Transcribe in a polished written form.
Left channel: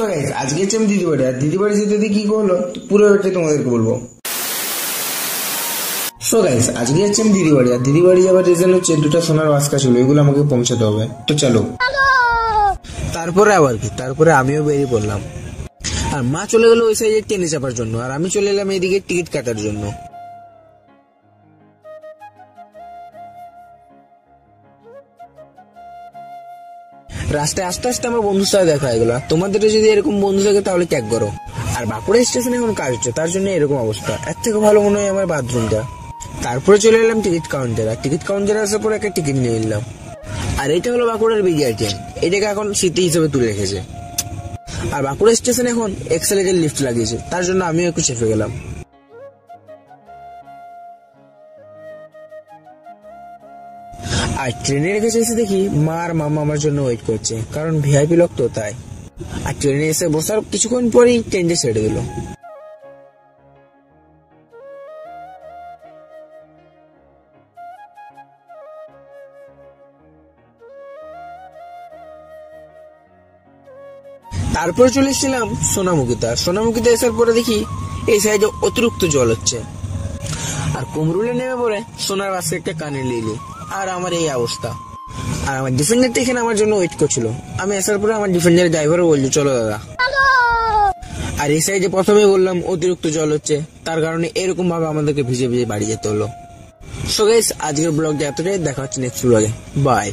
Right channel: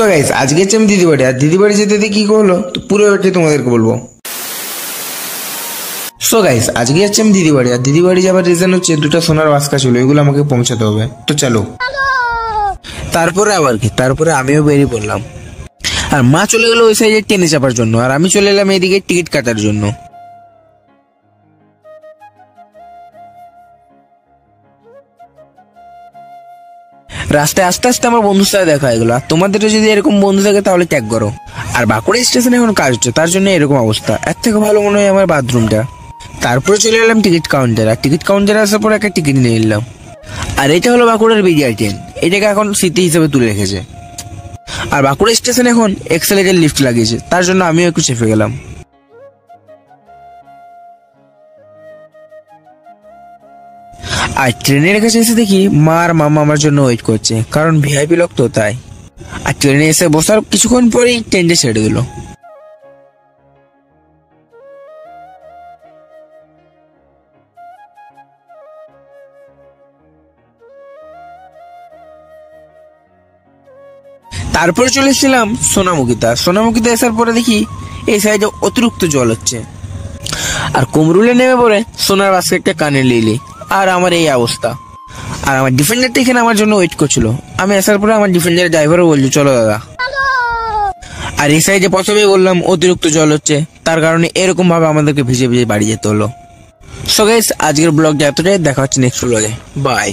So guys, আজকে হচ্ছে আমি দিদি বাড়ি। আর দিদি বাড়ি যেতে কি হলো তো পুরো ব্যাপারটা তোমাদেরকে বলবো। সো গাইস, আজকে হচ্ছে আমি দিদি বাড়ি। আর দিদি বাড়ি যাবার রিজন হচ্ছে দুটো সোনার বাস্কা ছিল, এগুলো আমাকে পৌঁছাতে হবে। তো চলো। তারপরে আবার কি, তারপরে আমিও বেরিয়ে পড়লাম। আর মা চলে গেল ওই সাইডে ট্রেনে চাপার জন্য, আর আমি চলে এলাম এইদিকে টিকিট কাটার জন্য। রাস্তায় আস্তে আস্তে আমার বন্ধুর সাথে দেখা হয়ে গেল। তোমাদেরও যদি এরকম বন্ধু থাকে তাহলে ট্যাগ করো। আর বাঁকুড়া স্টেশনে এখন কাজ হচ্ছে, তার জন্য এরকম অবস্থা। এর থেকে ভালো মনে হয় আমার বাথরুমটা। তারপরে চলে এলাম টিকিট কাউন্টার। আর টিকিট কাউন্টারে আসার পর একটা টিকিট নিয়ে নিলাম। আর এটা হলো বাঁকুড়ার বিডিআর ট্রেন, এটাকে এখন স্মৃতি হিসেবে তুলে রেখেছে। আর বাঁকুড়া স্টেশনে এখন এক্সেলেটার লিফট লাগিয়েছে, তার জন্য আমিও একটু চেপে গেলাম। আর ট্রেনের কাছে এসে দেখি মা আর মামা আমার জন্য ওয়েট করছে, কারণ ভিআইপি লোক তো তাই। আর ট্রেনে এসে বসার কিছুক্ষণ পরেই ট্রেনটা ছেড়ে দিল। তারপর চলে এসেছিলাম সোনামুখীতে। সোনামুখীতে আসার পরে দেখি এই সাইডে অতিরিক্ত জল হচ্ছে। আর কুমরুলে নেমে পড়ে সোনার বাস্কেটটা কানে লিলি। আর আমার এই অবস্থা। আর আমার ডিফেন্ডারটা এখানে আমার জন্য ওয়েট করছিল। আমি আসার পরে আমার ডিফেন্ডারের ড্রাইভারও বললো চলো দাদা। আর এই সাইডে প্রথমেই বললাম অতিরিক্ত জল হচ্ছে, তার কারণে এরকম ভাবে আমাদেরকে ভিজে ভিজে বাড়ি যেতে হলো। সো গাইস, আজকের ব্লগটা এতটাই। দেখা হচ্ছে নেক্সট ব্লগে। বাই।